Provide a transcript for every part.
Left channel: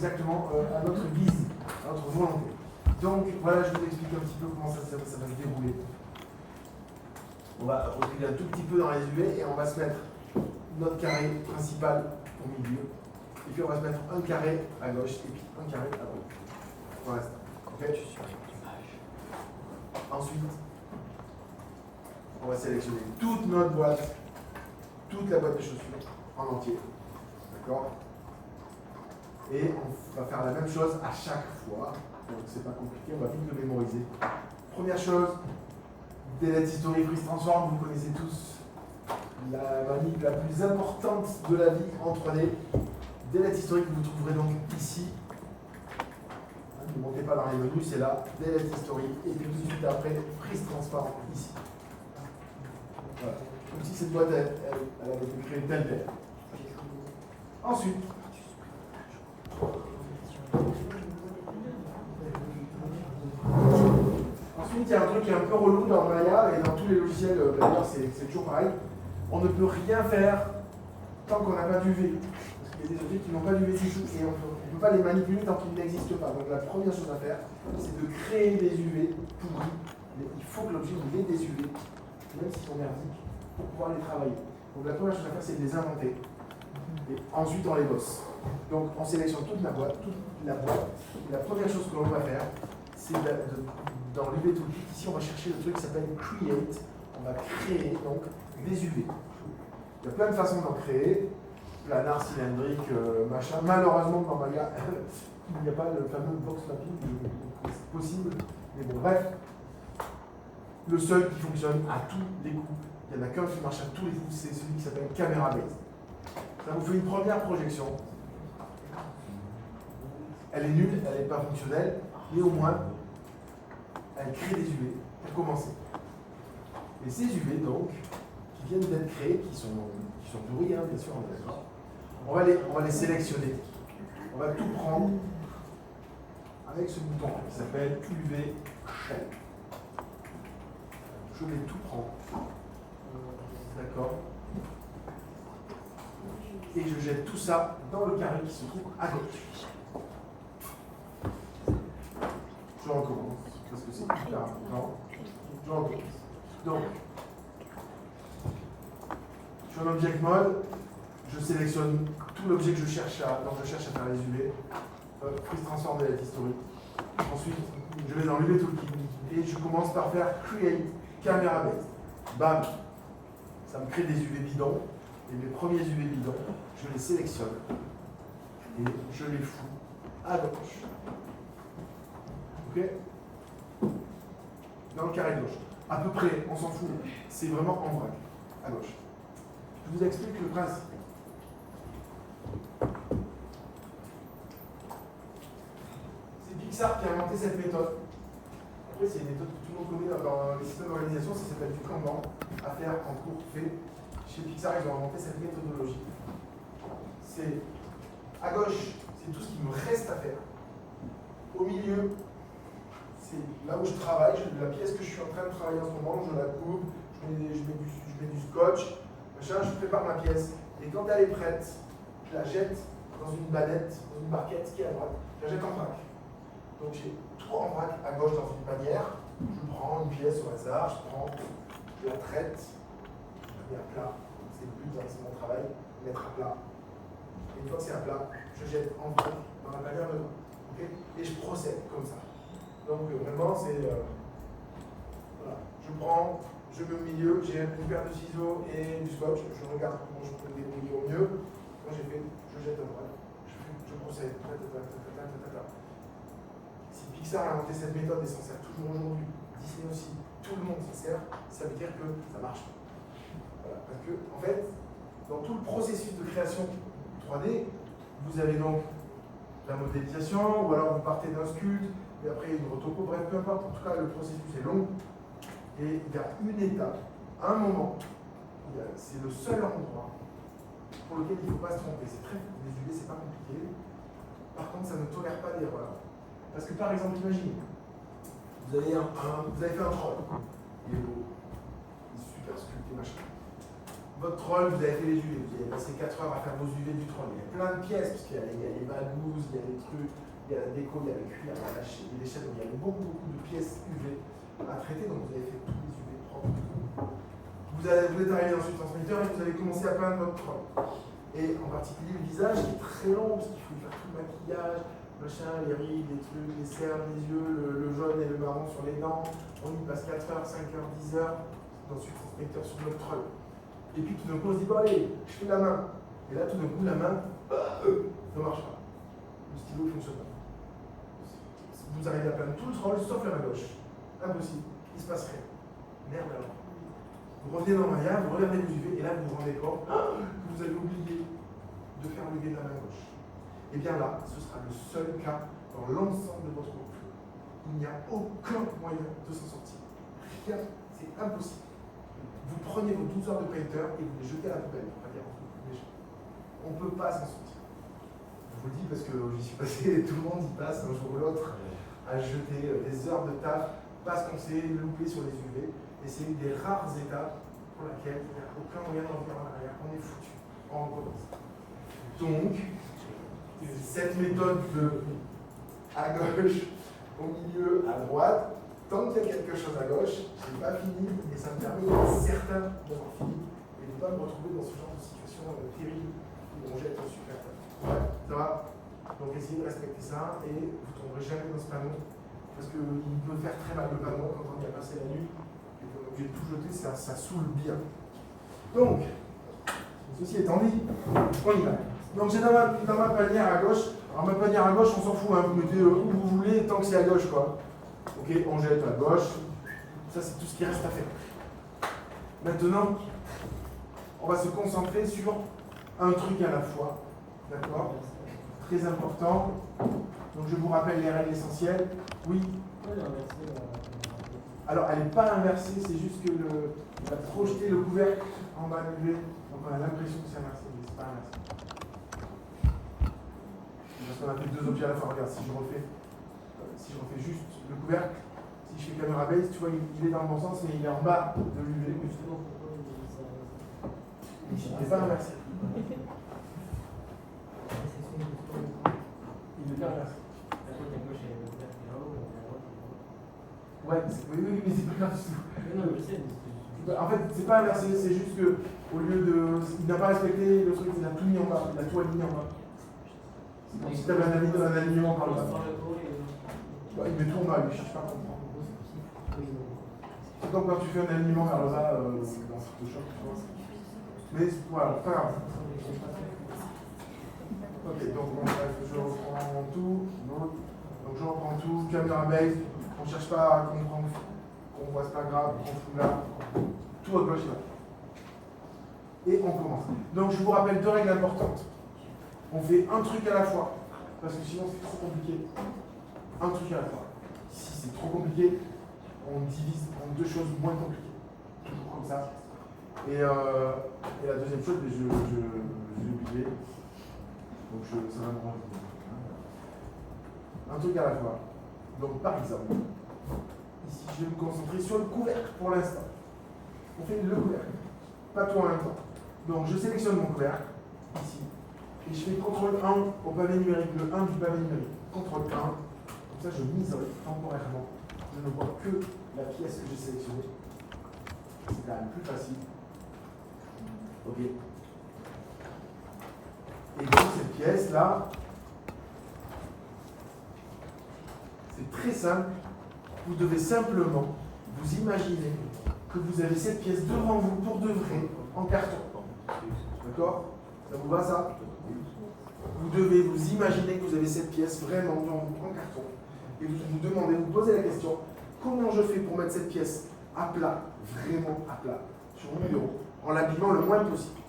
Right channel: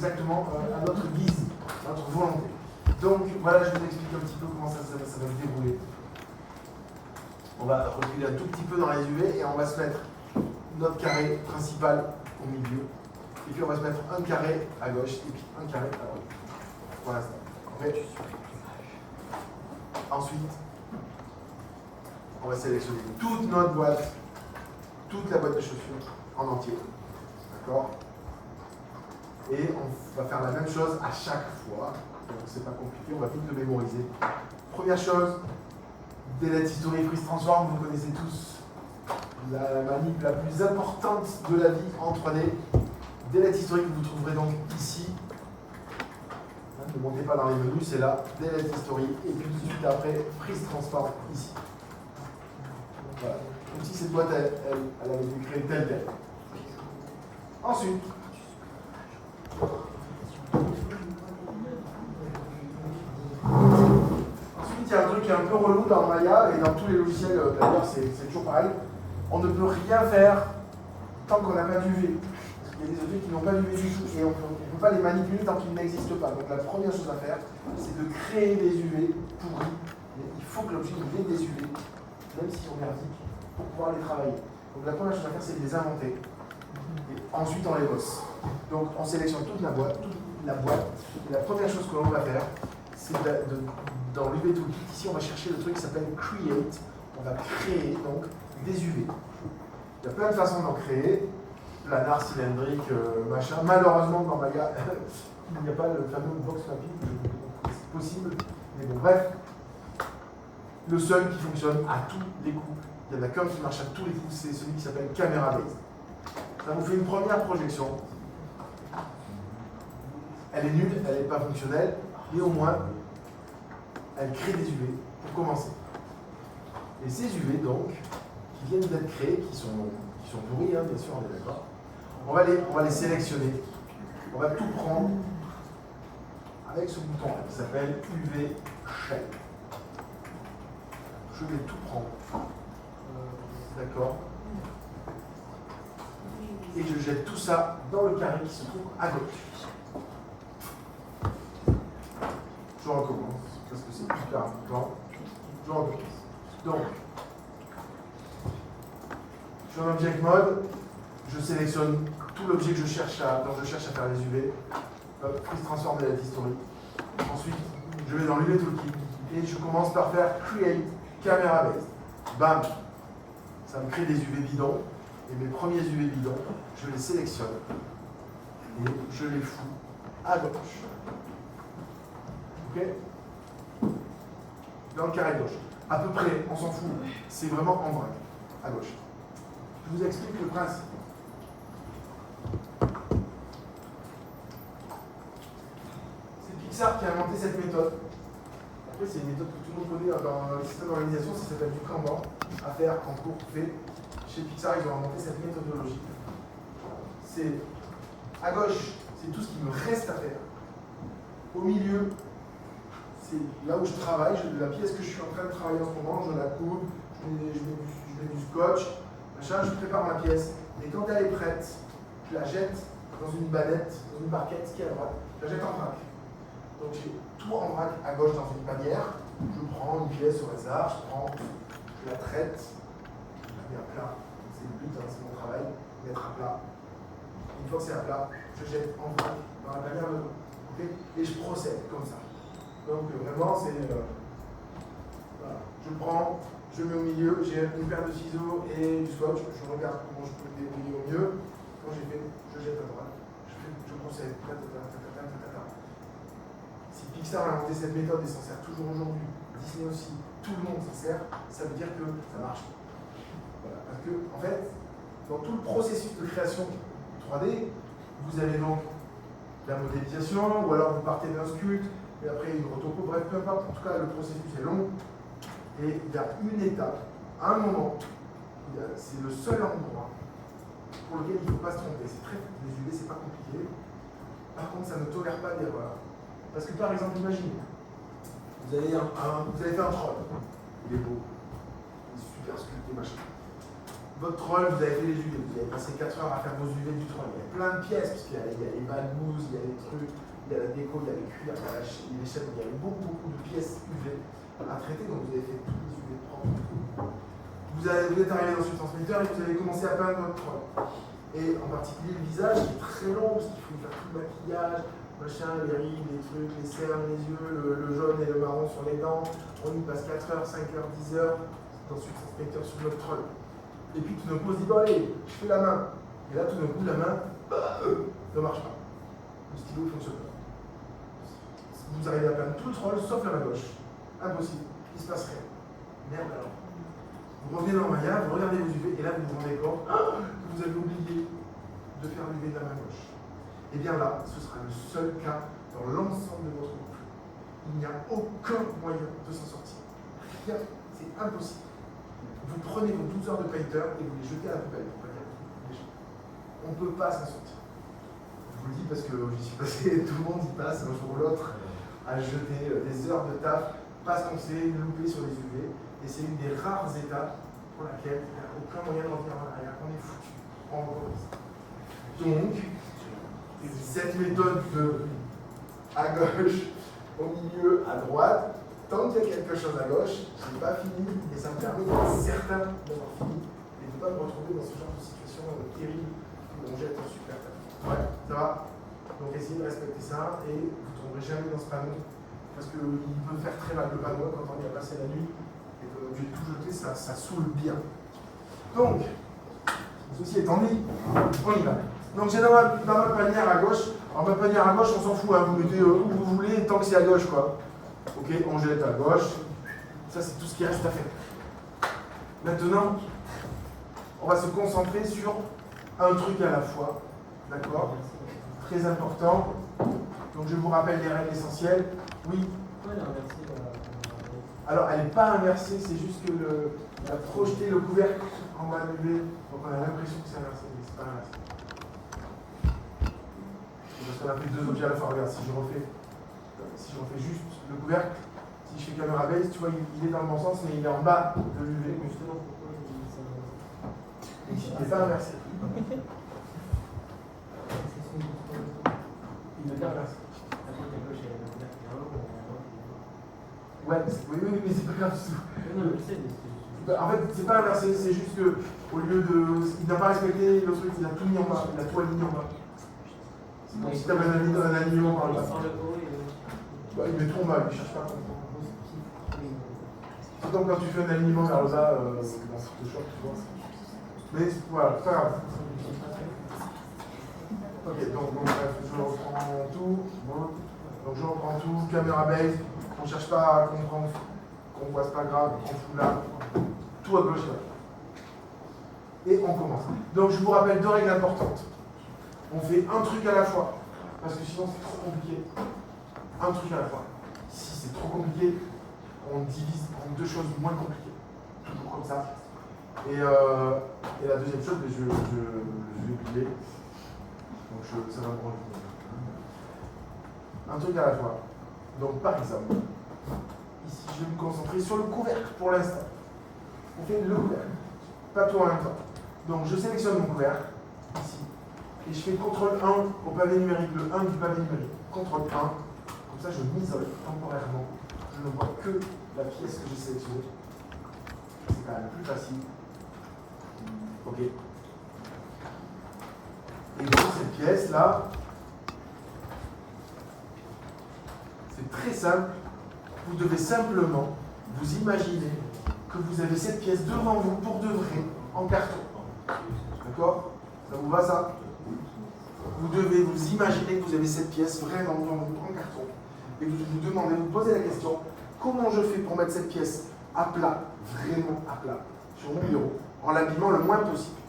exactement à notre guise, à notre volonté. Donc voilà, je vous explique un petit peu comment ça va se dérouler. On va reculer un tout petit peu dans les UV et on va se mettre notre carré principal au milieu. Et puis on va se mettre un carré à gauche et puis un carré à droite. Pour l'instant. Okay. Ensuite, on va sélectionner toute notre boîte, toute la boîte de chaussures en entier. D'accord? Et on va faire la même chose à chaque fois. Donc c'est pas compliqué, on va vite le mémoriser. Première chose, delete history freeze transform, vous connaissez tous la manip la plus importante de la vie en 3D. Delete history que vous trouverez donc ici. Ne montez pas dans les menus, c'est là, delete history, et puis tout de suite après, freeze transform ici. Voilà. Donc si cette boîte, elle avait été créée telle telle. Ensuite, il y a un truc qui est un peu relou dans Maya et dans tous les logiciels, d'ailleurs c'est toujours pareil. On ne peut rien faire tant qu'on n'a pas d'UV. Parce qu'il y a des objets qui n'ont pas d'UV du tout et on ne peut pas les manipuler tant qu'ils n'existent pas. Donc la première chose à faire, c'est de créer des UV pourris. Mais il faut que l'objet ait des UV, même s'ils sont merdiques, pour pouvoir les travailler. Donc la première chose à faire, c'est de les inventer. Et ensuite on les bosse. Donc on sélectionne toute la boîte. Et la première chose que l'on va faire, c'est dans l'UV Toolkit, ici on va chercher le truc qui s'appelle Create. On va créer donc des UV. Il y a plein de façons d'en créer. Planar, cylindrique, machin. Malheureusement dans Maya, il n'y a pas le fameux box mapping, c'est possible. Mais bon, bref. Le seul qui fonctionne à tous les coups, il n'y en a qu'un qui marche à tous les coups, c'est celui qui s'appelle Camera Base. Ça vous fait une première projection. Elle est nulle, elle n'est pas fonctionnelle, mais au moins, elle crée des UV pour commencer. Et ces UV, donc, qui viennent d'être créés, qui sont pourris, hein, bien sûr, on est d'accord. On va les sélectionner. On va tout prendre avec ce bouton qui s'appelle UV Shell. Je vais tout prendre. D'accord. Et je jette tout ça dans le carré qui se trouve à gauche. Je recommence, parce que c'est hyper important. Je recommence. Donc, je suis en Object Mode, je sélectionne tout l'objet que je cherche à faire les UV. Freeze transform de la history. Ensuite, je vais dans l'UV Toolkit et je commence par faire Create Camera Base. Bam! Ça me crée des UV bidons. Et mes premiers UV bidons, je les sélectionne et je les fous à gauche. Ok? Dans le carré gauche. À peu près, on s'en fout. C'est vraiment en vrac, à gauche. Je vous explique le principe. C'est Pixar qui a inventé cette méthode. Après, c'est une méthode que tout le monde connaît dans les systèmes d'organisation, ça s'appelle du Kanban, à faire en cours fait. Chez Pixar, ils ont inventé cette méthodologie. C'est à gauche, c'est tout ce qui me reste à faire. Au milieu, c'est là où je travaille, la pièce que je suis en train de travailler en ce moment, je la coupe, je mets du scotch, machin, je prépare ma pièce. Et quand elle est prête, je la jette dans une banette, dans une barquette qui est à droite. Je la jette en vrac. Donc j'ai tout en vrac à gauche dans une panière. Je prends une pièce au hasard, je la traite, je la mets à plat. C'est le but, hein, c'est mon travail, mettre à plat. Une fois que c'est à plat, je jette en vrac dans la panière de dos. Okay, et je procède comme ça. Donc vraiment, c'est... voilà. Je prends, je mets au milieu, j'ai une paire de ciseaux et du scotch. Je regarde comment je peux me débrouiller au mieux. Quand j'ai fait, je jette à droite. Je procède. Si Pixar a inventé cette méthode et s'en sert toujours aujourd'hui, Disney aussi, tout le monde s'en sert, ça veut dire que ça marche. Voilà. Parce que, en fait, dans tout le processus de création 3D, vous avez donc la modélisation, ou alors vous partez d'un sculpte, et après une retoco, bref, peu importe, en tout cas le processus est long, et il y a une étape, à un moment, c'est le seul endroit pour lequel il ne faut pas se tromper. C'est très, les UV, c'est pas compliqué. Par contre, ça ne tolère pas d'erreur. Parce que par exemple, imaginez, vous avez fait un troll, il est beau, il est super sculpté, machin. votre troll, vous avez fait les UV, vous avez passé 4 heures à faire vos UV du troll. Il y a plein de pièces, parce qu'il y a les bagouses, il y a des trucs, il y a la déco, il y a le cuir, il y a l'échelle, il y a beaucoup de pièces UV à traiter, donc vous avez fait tous les UV propres. Vous êtes arrivé dans le transmetteur et vous avez commencé à peindre votre troll. Et en particulier le visage qui est très long, parce qu'il faut faire tout le maquillage, machin, les rides, les trucs, les cernes, les yeux, le jaune et le marron sur les dents. On y passe 4 heures, 5 heures, 10 heures dans ce transmetteur sur notre troll. Et puis tout d'un coup on se dit, bon allez, je fais la main. Et là tout d'un coup la main ne marche pas. Le stylo ne fonctionne pas. Vous arrivez à peindre tout le troll sauf la main gauche. Impossible, il ne se passe rien. Merde alors. Vous revenez dans Maya, vous regardez vos UV et là vous vous rendez compte que vous avez oublié de faire l'UV de la main gauche. Et bien là, ce sera le seul cas dans l'ensemble de votre groupe. Il n'y a aucun moyen de s'en sortir. Rien, c'est impossible. Vous prenez vos 12 heures de painter et vous les jetez à la poubelle. On ne peut pas s'en sortir. Je vous le dis parce que j'y suis passé, tout le monde y passe un jour ou l'autre à jeter des heures de taf parce qu'on s'est loupé sur les UV. Et c'est une des rares étapes pour laquelle il n'y a aucun moyen de revenir en arrière. On est foutu. On recommence. Donc, cette méthode de à gauche, au milieu, à droite, tant qu'il y a quelque chose à gauche, je n'ai pas fini et ça me permet d'être certain d'avoir fini et de ne pas me retrouver dans ce genre de situation terrible où on jette un super taf. Ouais, ça va. Donc essayez de respecter ça et vous ne tomberez jamais dans ce panneau parce qu'il peut faire très mal le panneau quand on y a passé la nuit. Et que l'objet de tout jeter, ça saoule bien. Donc, ceci étant dit, on y va. Donc j'ai dans ma panière à gauche. Alors ma panière à gauche, on s'en fout, hein, vous mettez où vous voulez tant que c'est à gauche, quoi. Ok, on jette à gauche. Ça, c'est tout ce qui reste à faire. Maintenant, on va se concentrer sur un truc à la fois. D'accord? Très important. Donc je vous rappelle les règles essentielles. Oui. Alors, elle n'est pas inversée, c'est juste que il a projeté le couvercle en bas de l'UV. Donc, on a l'impression que c'est inversé, mais ce n'est pas inversé. Parce qu'on a fait deux objets à la fois. Regarde, si j'en fais juste le couvercle, si je fais caméra base, tu vois, il est dans le bon sens, mais il est en bas de l'UV. Justement, pourquoi il n'est pas inversé. Il n'est pas inversé. Ouais, oui, mais c'est pas grave du tout. Non, je sais. En fait, c'est pas inversé, c'est juste que au lieu de. Il n'a pas respecté le truc, il a tout mis en bas, il a tout aligné en bas. Donc si tu avais un alignement par là. Ouais, il met tout en bas, il ne cherche pas à comprendre. C'est donc quand tu fais un alignement vers le bas dans Photoshop, tu vois. Mais voilà, pas grave. Ok, donc bref, je reprends tout. Bon. Donc je reprends tout, caméra base. On ne cherche pas à comprendre qu'on voit, c'est pas grave, on fout là. Tout à gauche là. Et on commence. Donc je vous rappelle deux règles importantes. On fait un truc à la fois, parce que sinon c'est trop compliqué. Un truc à la fois. Si c'est trop compliqué, on divise en deux choses moins compliquées. Toujours comme ça. Et la deuxième chose, mais je l'ai oublié. Donc ça va me rendre compte. Un truc à la fois. Donc par exemple, ici je vais me concentrer sur le couvercle pour l'instant. On fait le couvercle, pas tout en même temps. Donc je sélectionne mon couvercle, ici, et je fais CTRL 1 au pavé numérique, le 1 du pavé numérique. CTRL 1, comme ça je m'isole temporairement. Je ne vois que la pièce que j'ai sélectionnée. C'est quand même plus facile. Ok. Et donc cette pièce-là, c'est très simple. Vous devez simplement vous imaginer que vous avez cette pièce devant vous pour de vrai en carton. D'accord? Ça vous va ça? Vous devez vous imaginer que vous avez cette pièce vraiment devant vous en carton. Et vous vous demandez, vous posez la question, comment je fais pour mettre cette pièce à plat, vraiment à plat, sur mon bureau, en l'abîmant le moins possible?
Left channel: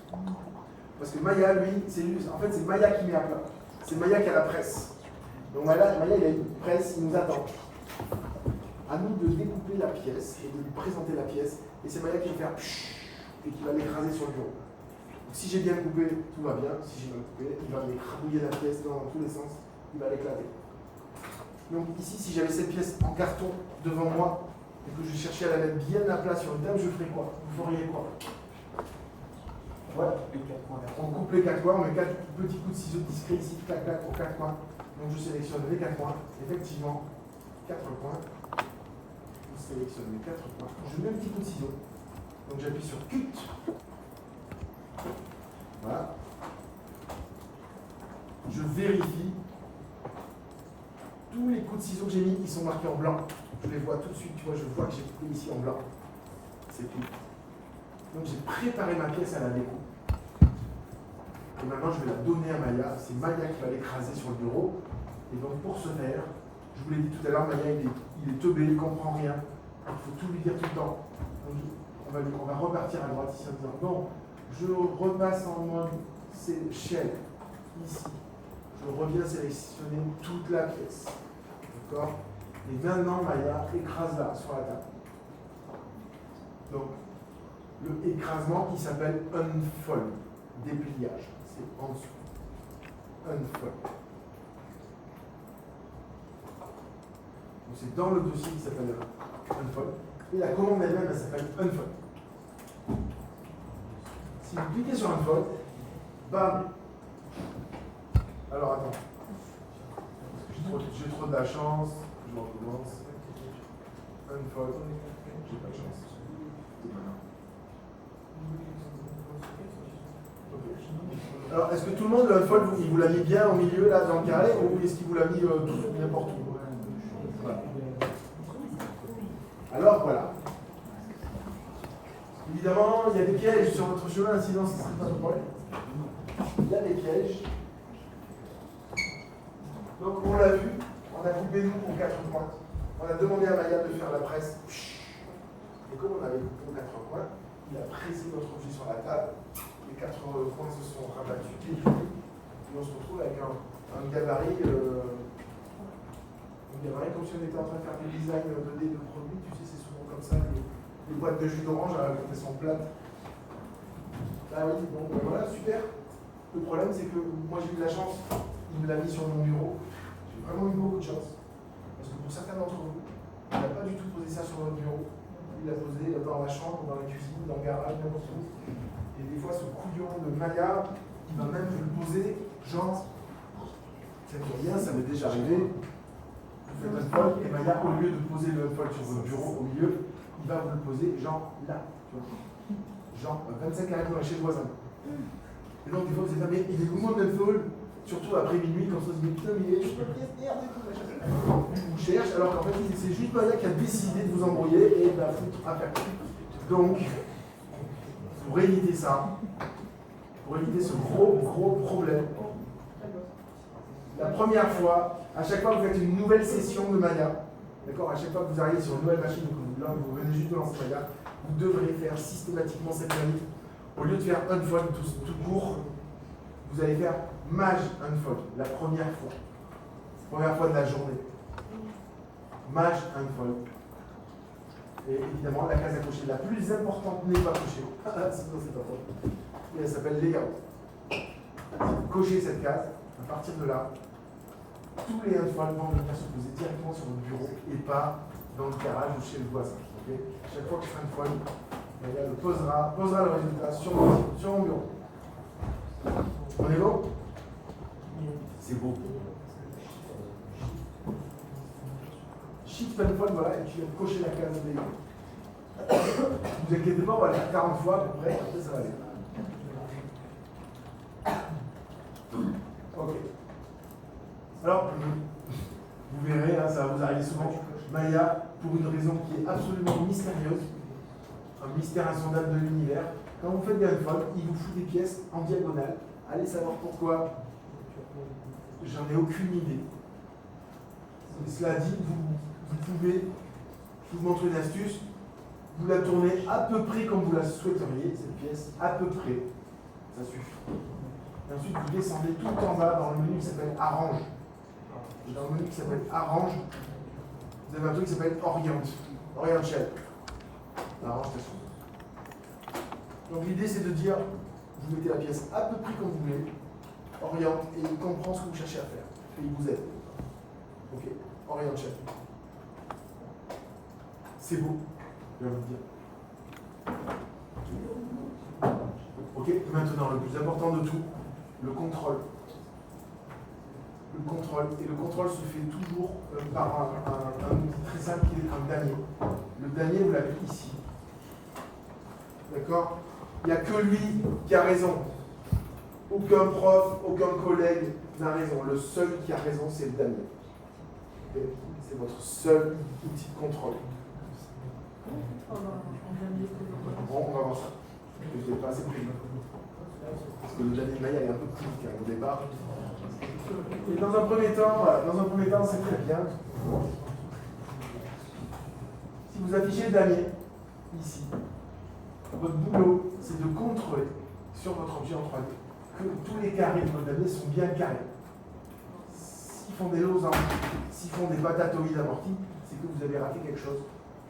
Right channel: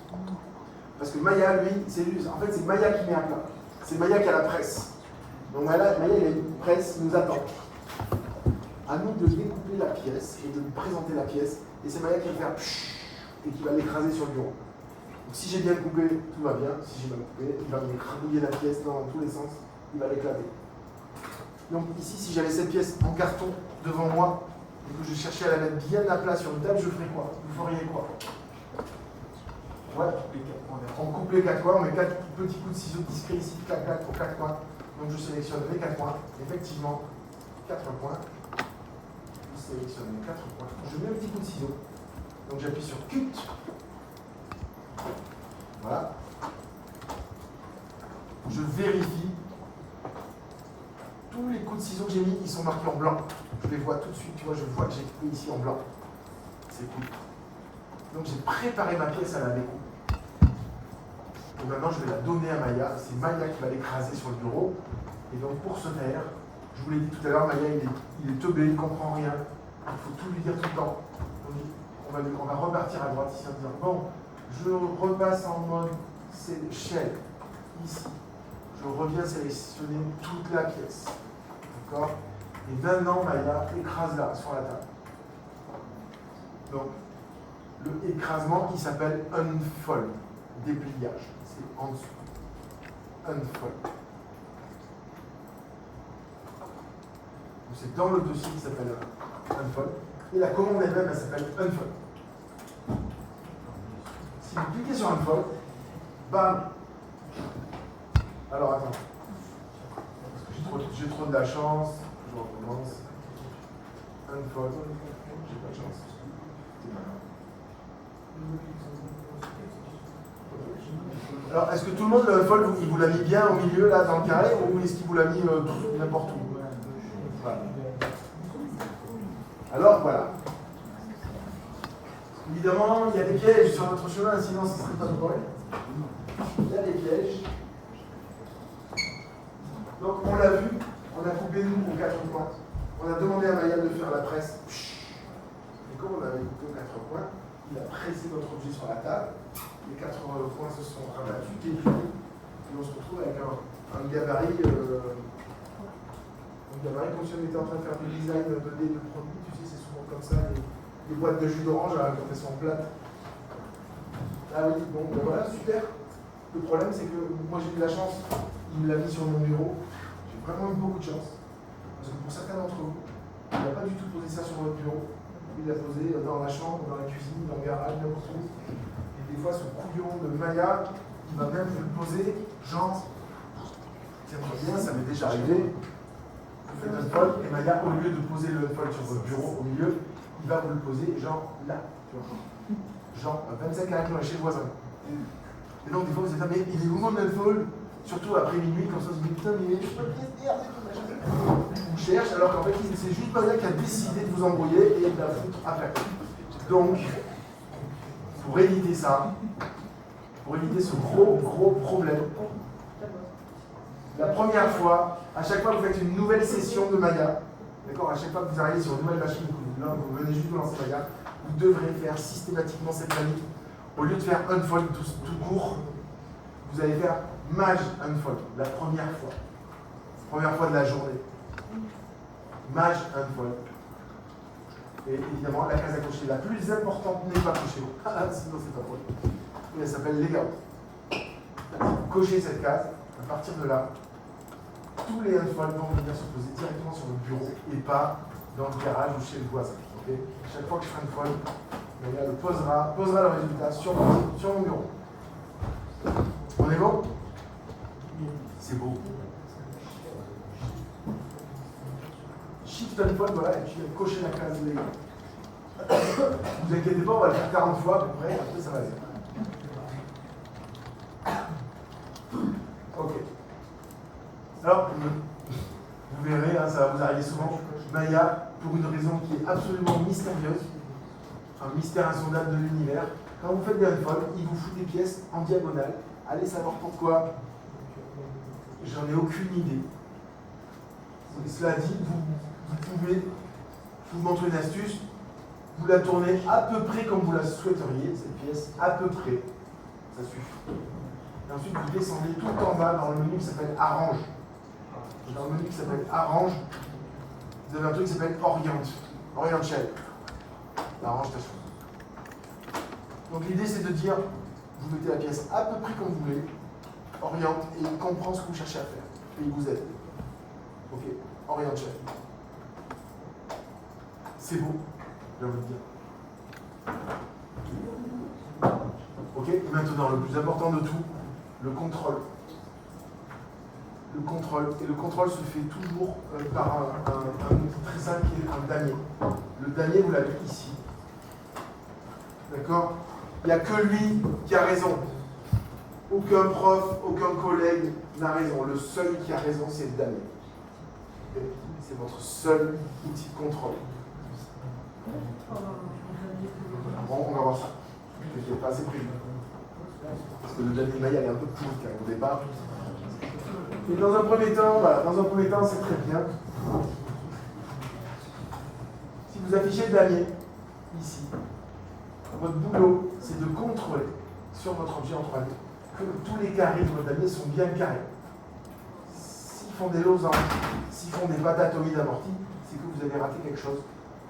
Parce que Maya, lui, en fait c'est Maya qui met à plat. C'est Maya qui a la presse. Donc Maya, il a une presse, il nous attend. À nous de découper la pièce et de lui présenter la pièce. Et c'est Maya qui va faire pshhh et qui va l'écraser sur le bureau. Donc si j'ai bien coupé, tout va bien. Si j'ai mal coupé, il va m'écrabouiller la pièce dans tous les sens. Il va l'éclater. Donc ici, si j'avais cette pièce en carton devant moi et que je cherchais à la mettre bien à plat sur une table, je ferais quoi? Vous feriez quoi? Ouais. On coupe les 4 coins, on met 4 petits coups de ciseaux discrets ici, clac, clac, pour 4 coins. Donc je sélectionne les 4 coins. Effectivement, 4 coins. Je sélectionne les 4 coins. Je mets un petit coup de ciseau. Donc j'appuie sur Cut. Voilà. Je vérifie. Tous les coups de ciseaux que j'ai mis, ils sont marqués en blanc. Je les vois tout de suite, tu vois, je vois que j'ai coupé ici en blanc. C'est cool. Donc j'ai préparé ma pièce à la découpe. Et maintenant je vais la donner à Maya. C'est Maya qui va l'écraser sur le bureau. Et donc pour ce faire, je vous l'ai dit tout à l'heure, Maya il est teubé, il ne comprend rien. Il faut tout lui dire tout le temps. Donc on va repartir à droite ici en disant bon, je repasse en mode shell ici. Je reviens sélectionner toute la pièce. D'accord? Et maintenant Maya écrase-la sur la table. Donc le écrasement qui s'appelle unfold, dépliage. C'est en dessous. Unfold. C'est dans le dossier qui s'appelle unfold. Et la commande elle-même, elle s'appelle unfold. Si vous cliquez sur unfold, bam. Alors attends. J'ai trop de la chance. Je recommence. Unfold. J'ai pas de chance. Alors, est-ce que tout le monde, le unfold, il vous l'a mis bien au milieu, là, dans le carré, ou est-ce qu'il vous l'a mis n'importe où? Voilà. Alors, voilà. Évidemment, il y a des pièges sur votre chemin, sinon ce ne serait pas de problème. Il y a des pièges. Donc, on l'a vu, on a coupé nous aux 4 coins. On a demandé à Maya de faire la presse. Et comme on avait coupé aux 4 coins, il a pressé notre objet sur la table. Les 4 coins se sont rabattus, et on se retrouve avec un gabarit. Comme si on était en train de faire du design 2D de produits, tu sais, c'est souvent comme ça, les boîtes de jus d'orange quand elles sont plates. Ah oui, donc voilà, super. Le problème, c'est que moi j'ai eu de la chance, il me l'a mis sur mon bureau. J'ai vraiment eu beaucoup de chance. Parce que pour certains d'entre vous, il n'a pas du tout posé ça sur votre bureau. Il l'a posé dans la chambre, dans la cuisine, dans le garage, n'importe où. Et des fois, ce couillon de Maya, il va même vous le poser, genre, tiens-toi bien, ça m'est déjà arrivé. Vous faites un fold, et Maya, au lieu de poser le fold sur votre bureau au milieu, il va vous le poser, genre là. Genre 25 caractères chez le voisin. Et donc, des fois, vous dites, mais il est où mon fold? Surtout après minuit, comme ça, vous dites, putain, mais je peux pas pièce merde et tout, machin. On cherche, alors qu'en fait, c'est juste Maya qui a décidé de vous embrouiller et de la foutre à faire. Donc, pour éviter ça, pour éviter ce gros problème, la première fois, à chaque fois que vous faites une nouvelle session de Maya, d'accord, à chaque fois que vous arrivez sur une nouvelle machine, là vous venez juste de lancer Maya, vous devrez faire systématiquement cette manip. Au lieu de faire unfold tout court, vous allez faire mage unfold, la première fois de la journée. Mage unfold. Et évidemment, la case à cocher la plus importante n'est pas cochée. Sinon, c'est pas drôle. Et elle s'appelle layout. Cochez cette case, à partir de là, tous les unfolds vont venir se poser directement sur votre bureau et pas dans le garage ou chez le voisin. Okay, chaque fois que je fais un unfold, elle posera le résultat sur mon bureau. On est bon? C'est beau. Shift unfold, voilà, et tu viens cocher la case de layout. Ne vous inquiétez pas, on va le faire 40 fois à peu près, après ça va aller. Ok. Alors, vous verrez, hein, ça va vous arriver souvent, Maya, pour une raison qui est absolument mystérieuse, un mystère insondable de l'univers, quand vous faites des unfolds, il vous fout des pièces en diagonale. Allez savoir pourquoi, j'en ai aucune idée. Cela dit, vous pouvez, je vous montre une astuce, vous la tournez à peu près comme vous la souhaiteriez, cette pièce, à peu près, ça suffit. Et ensuite, vous descendez tout en bas dans le menu qui s'appelle Arrange. Dans le menu qui s'appelle Arrange, vous avez un truc qui s'appelle Orient Shell. Arrange ta chose. Donc l'idée, c'est de dire, vous mettez la pièce à peu près comme vous voulez, oriente, et il comprend ce que vous cherchez à faire. Et il vous aide. Ok, Orient Shell. C'est beau, je vais vous le dire. Ok. Et maintenant, le plus important de tout, le contrôle. Le contrôle. Et le contrôle se fait toujours par un outil très simple qui est le damier. Le damier, vous l'avez ici. D'accord? Il n'y a que lui qui a raison. Aucun prof, aucun collègue n'a raison. Le seul qui a raison, c'est le damier. Okay? C'est votre seul outil de contrôle. Bon, on va voir ça. Je n'ai pas assez pris. Parce que le damier maille est un peu petit au départ. Et dans un premier temps, voilà, c'est très bien. Si vous affichez le damier, ici, votre boulot, c'est de contrôler sur votre objet en 3D que tous les carrés de votre damier sont bien carrés. S'ils font des losanges, s'ils font des patatoïdes amorties, c'est que vous avez raté quelque chose,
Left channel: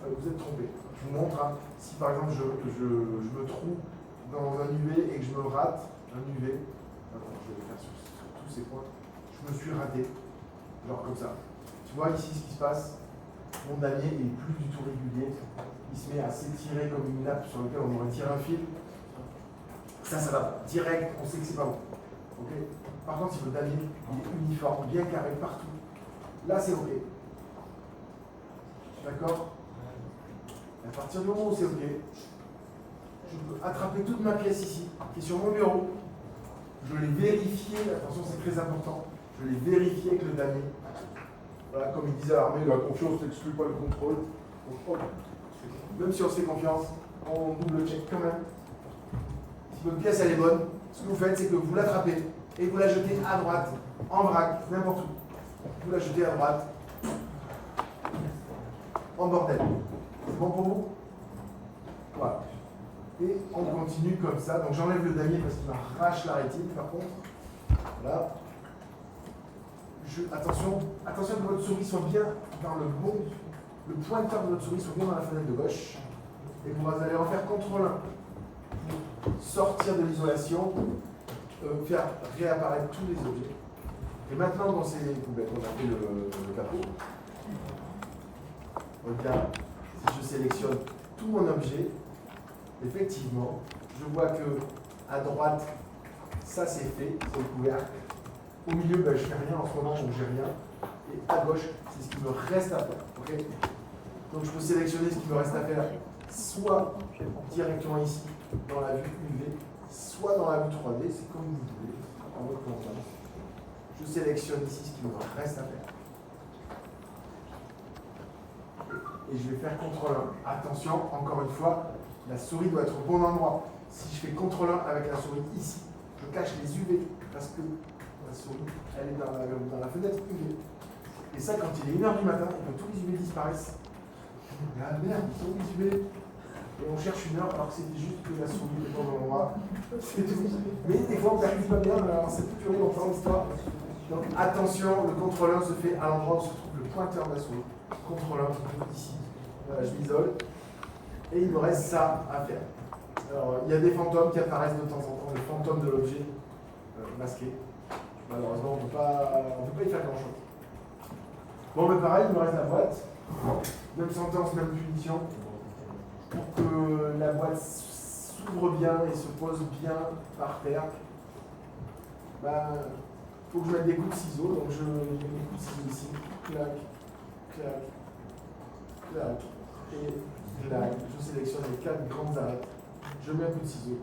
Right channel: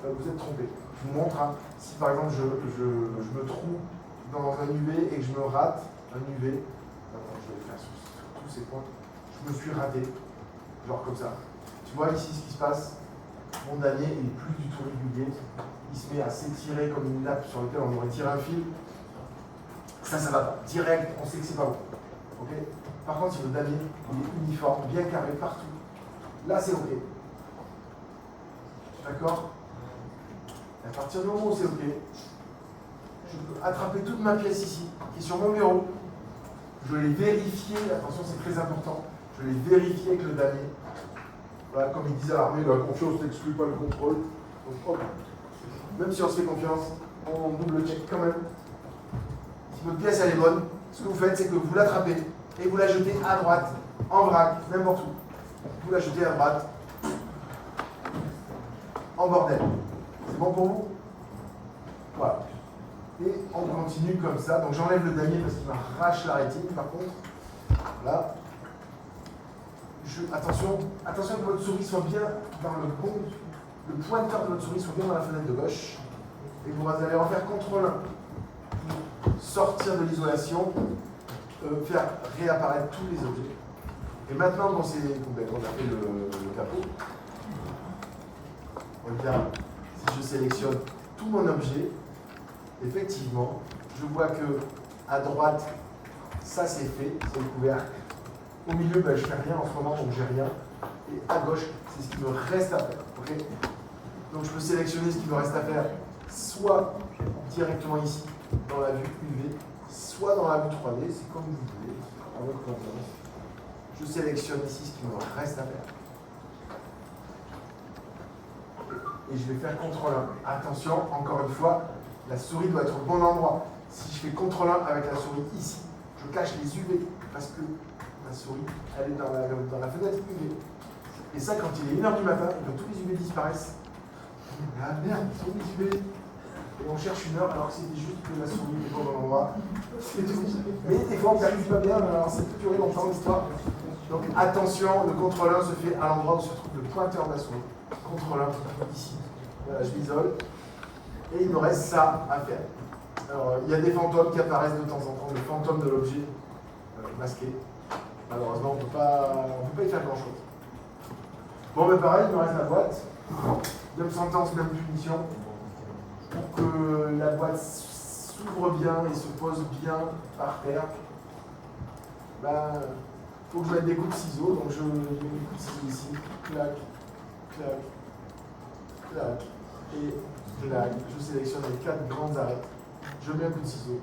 vous êtes trompé. Je vous montre, hein, si par exemple je me trouve dans un UV et que je me rate un UV, je vais le faire sur tous ces points, je me suis raté, genre comme ça. Tu vois ici ce qui se passe, mon damier est plus du tout régulier, il se met à s'étirer comme une nappe sur laquelle on aurait tiré un fil. Ça va pas. Direct, on sait que c'est pas bon. Okay. Par contre, si le damier est uniforme, bien carré partout, là c'est OK. D'accord? À partir du moment où c'est OK, je peux attraper toute ma pièce ici, qui est sur mon bureau. Je l'ai vérifié, attention c'est très important, je l'ai vérifié avec le damier. Voilà, comme il disait Armé, la confiance n'exclut pas le contrôle. Donc, hop. Même si on se fait confiance, on double check quand même. Si votre pièce elle est bonne, ce que vous faites, c'est que vous l'attrapez et vous la jetez à droite, en vrac, n'importe où. Vous la jetez à droite, en bordel. C'est bon pour vous? Voilà. Et on continue comme ça. Donc j'enlève le damier parce qu'il m'arrache la rétine, par contre. Voilà. Attention que votre souris soit bien dans le bon. Le pointeur de votre souris soit bien dans la fenêtre de gauche. Et vous allez en faire CTRL pour sortir de l'isolation, faire réapparaître tous les objets. Et maintenant, dans ces poubelles, on a fait le capot. Regarde, si je sélectionne tout mon objet, effectivement, je vois que à droite, ça c'est fait, c'est le couvercle. Au milieu, je ne fais rien en ce moment, donc j'ai rien. Et à gauche, c'est ce qui me reste à faire. Okay, donc je peux sélectionner ce qui me reste à faire, soit directement ici, dans la vue UV, soit dans la vue 3D, c'est comme vous voulez, en votre confiance. Je sélectionne ici ce qui me reste à faire. Et je vais faire CTRL 1. Attention, encore une fois, la souris doit être au bon endroit. Si je fais CTRL 1 avec la souris ici, je cache les UV parce que la souris, elle est dans la fenêtre UV. Et ça, quand il est 1h du matin, et que tous les UV disparaissent, ah merde, ils sont les UV. Et on cherche une heure alors que c'était juste que la souris est au bon endroit. C'est tout. Mais des fois, on ne percute pas bien, mais alors c'est tout longtemps l'histoire. Donc attention, le CTRL 1 se fait à l'endroit où se trouve le pointeur de la souris. CTRL 1 ici. Voilà, je m'isole. Et il me reste ça à faire. Alors, il y a des fantômes qui apparaissent de temps en temps, le fantôme de l'objet masqué. Malheureusement, on ne peut pas y faire grand chose. Bon, mais pareil, il me reste la boîte. Même sentence, même punition. Pour que la boîte s'ouvre bien et se pose bien par terre, il faut que je mette des coups de ciseaux. Donc je mets des coups de ciseaux ici. Clac, clac, clac. Et clac. Je sélectionne les 4 grands arrêts. Je mets un coup de ciseau.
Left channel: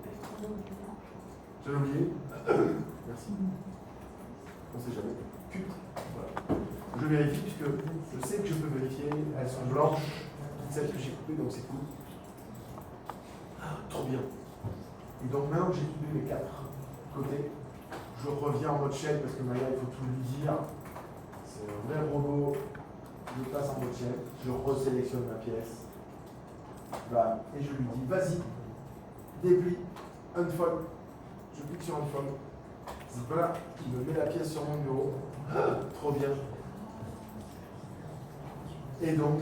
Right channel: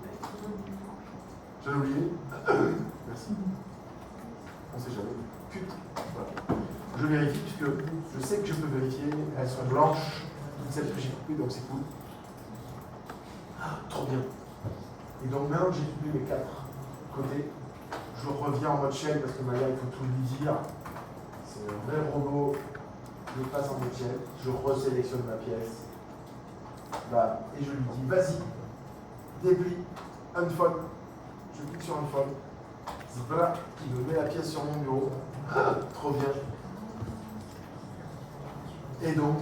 J'ai oublié. Merci. On sait jamais. Cut. Voilà. Je vérifie puisque je sais que je peux vérifier. Elles sont blanches. Celles que j'ai coupées, donc c'est cool. Trop bien. Et donc maintenant que j'ai coupé mes 4 côtés, je reviens en mode shell parce que Maya, il faut tout lui dire. C'est un vrai robot. Je passe en mode shell. Je resélectionne ma pièce. Et je lui dis, vas-y, déplie, unfold. Je clique sur unfold. Voilà, il me met la pièce sur mon bureau. Trop bien. Et donc,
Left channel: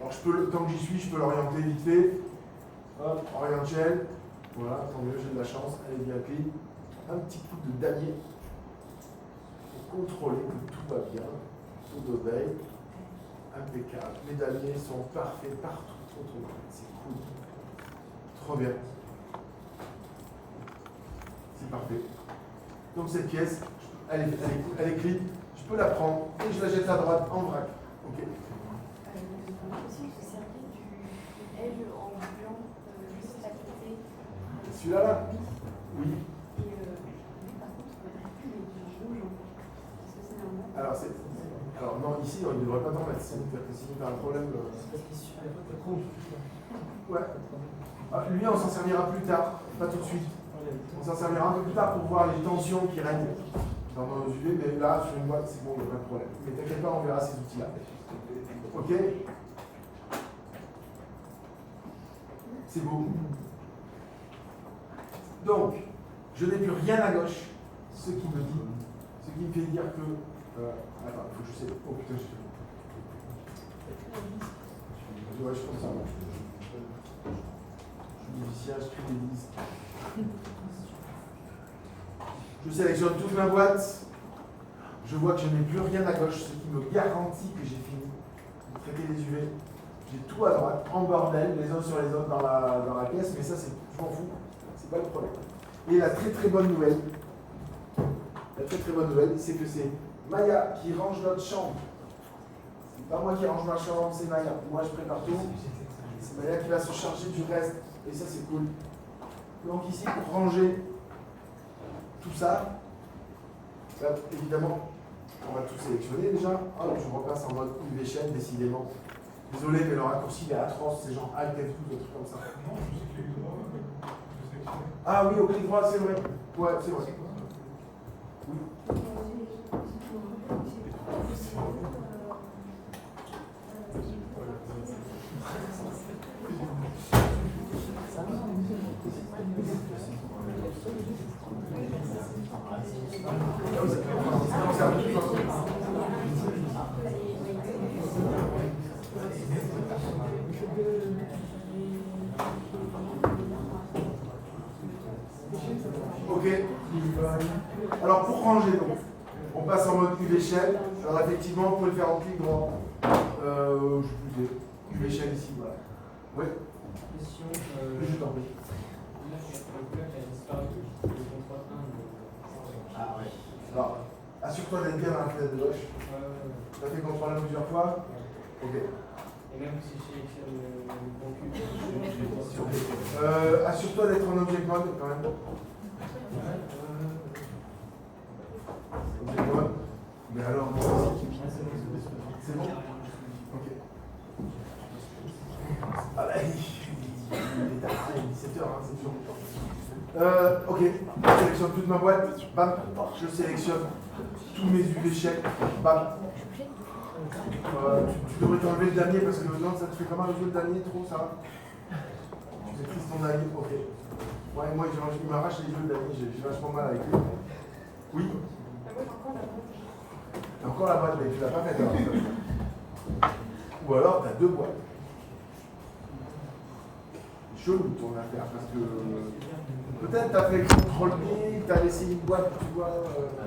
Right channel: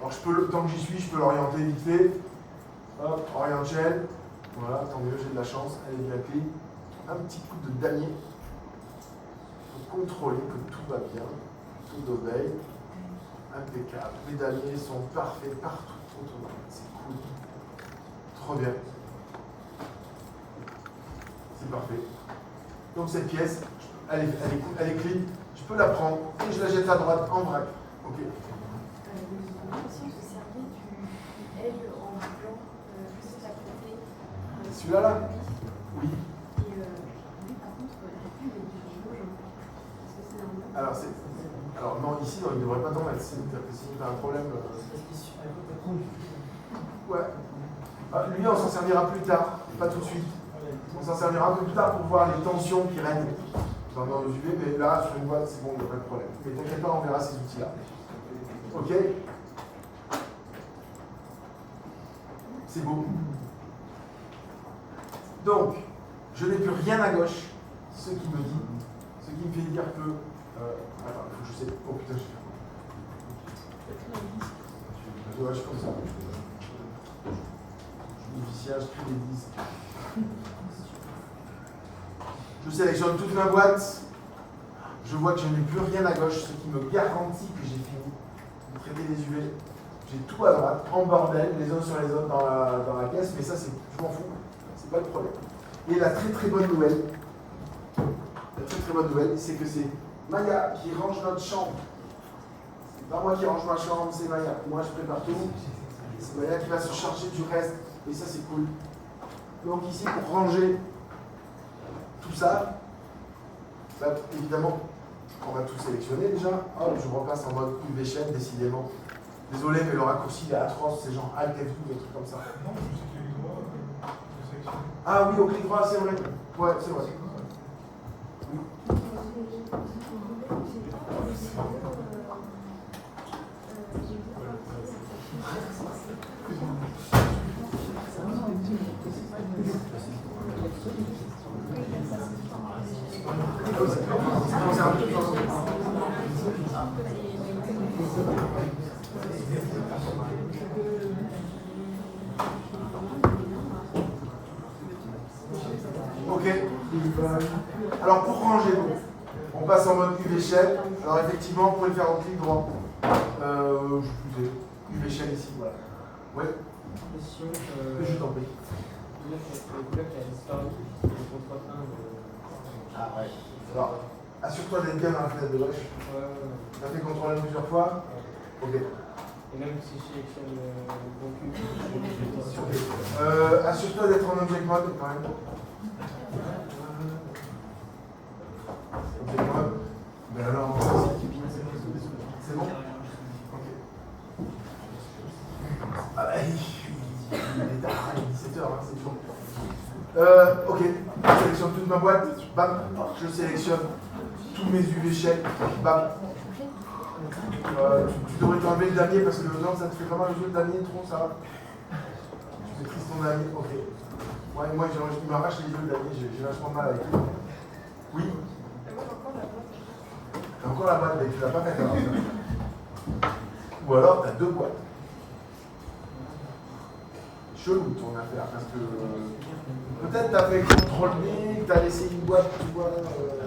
alors tant que j'y suis, je peux l'orienter vite fait. Hop, oriente shell. Voilà, tant mieux, j'ai de la chance. Elle est bien clean. Un petit coup de damier pour contrôler que tout va bien. Tout obéit. Impeccable. Les damiers sont parfaits partout autour de moi. C'est cool. Trop bien. parfait. Donc cette pièce, elle est clean, je peux la prendre et je la jette à droite en vrac. Ok. Si on se servir du L en blanc, juste à côté. Celui-là là? Oui. Et lui, par contre, il est du rouge. Est-ce que c'est normal? Alors non, ici, non, il ne devrait pas t'en mettre. Sinon, tu as un problème. Ouais. Ah, lui, on s'en servira plus tard, pas tout de suite. On s'en servira un peu plus tard pour voir les tensions qui règnent dans nos UV, mais là, sur une boîte, c'est bon, il n'y a pas de problème. Mais t'inquiète pas, on verra ces outils-là. Ok? C'est beau. Donc, je n'ai plus rien à gauche, ce qui me fait dire que. Attends, il faut que je sais. Oh putain, j'ai fait. Ouais, je pense ça. Je suis les disques. Je sélectionne toute ma boîte. Je vois que je n'ai plus rien à gauche, ce qui me garantit que j'ai fini de traiter les UV. J'ai tout à droite, en bordel, les uns sur les autres dans la caisse, mais ça, je m'en fous. C'est pas le problème. Et la très bonne nouvelle, c'est que c'est Maya qui range notre chambre. C'est pas moi qui range ma chambre, c'est Maya. Moi, je prépare tout. C'est Maya qui va se charger du reste. Et ça, c'est cool. Donc ici, pour ranger tout ça, là, évidemment, on va tout sélectionner déjà. Ah, je repasse en mode UV chaîne, décidément. Désolé, mais le raccourci il est atroce, c'est genre Alt F12, des trucs comme ça. Non, je sais clic droit, je sélectionne. Ah oui, au clic droit, c'est vrai. Ouais, c'est vrai. Ok. Alors pour ranger, on passe en mode UV shell. Alors effectivement, vous pouvez le faire en clic droit. Je plus UV shell ici, voilà. Oui. Question. Je t'en prie. Le couleur qui a disparu, le contrôle 1. Ah ouais. Alors, assure-toi d'être bien dans la fenêtre de gauche. Tu as fait contrôle plusieurs fois. Ok. Et même si je sélectionne le bon cube, assure-toi d'être en object mode quand même. Object mode. Mais alors, c'est bon. Ok. Ah bah, il est tard, il est 17h, hein, c'est toujours. Ok, je sélectionne toute ma boîte, bam, je sélectionne tous mes UV chèques, bam. Tu devrais t'enlever le damier parce que non, ça te fait vraiment un jeu de damier, trop ça. Tu maîtrises ton damier, ok. Ouais, moi il m'arrache les yeux le damier, j'ai vachement mal avec lui. Oui. T'as encore la boîte, mais tu l'as pas faite alors. Ou alors t'as deux boîtes. Chelou ton affaire parce que peut-être t'as fait CTRL B, t'as laissé une boîte, tu vois.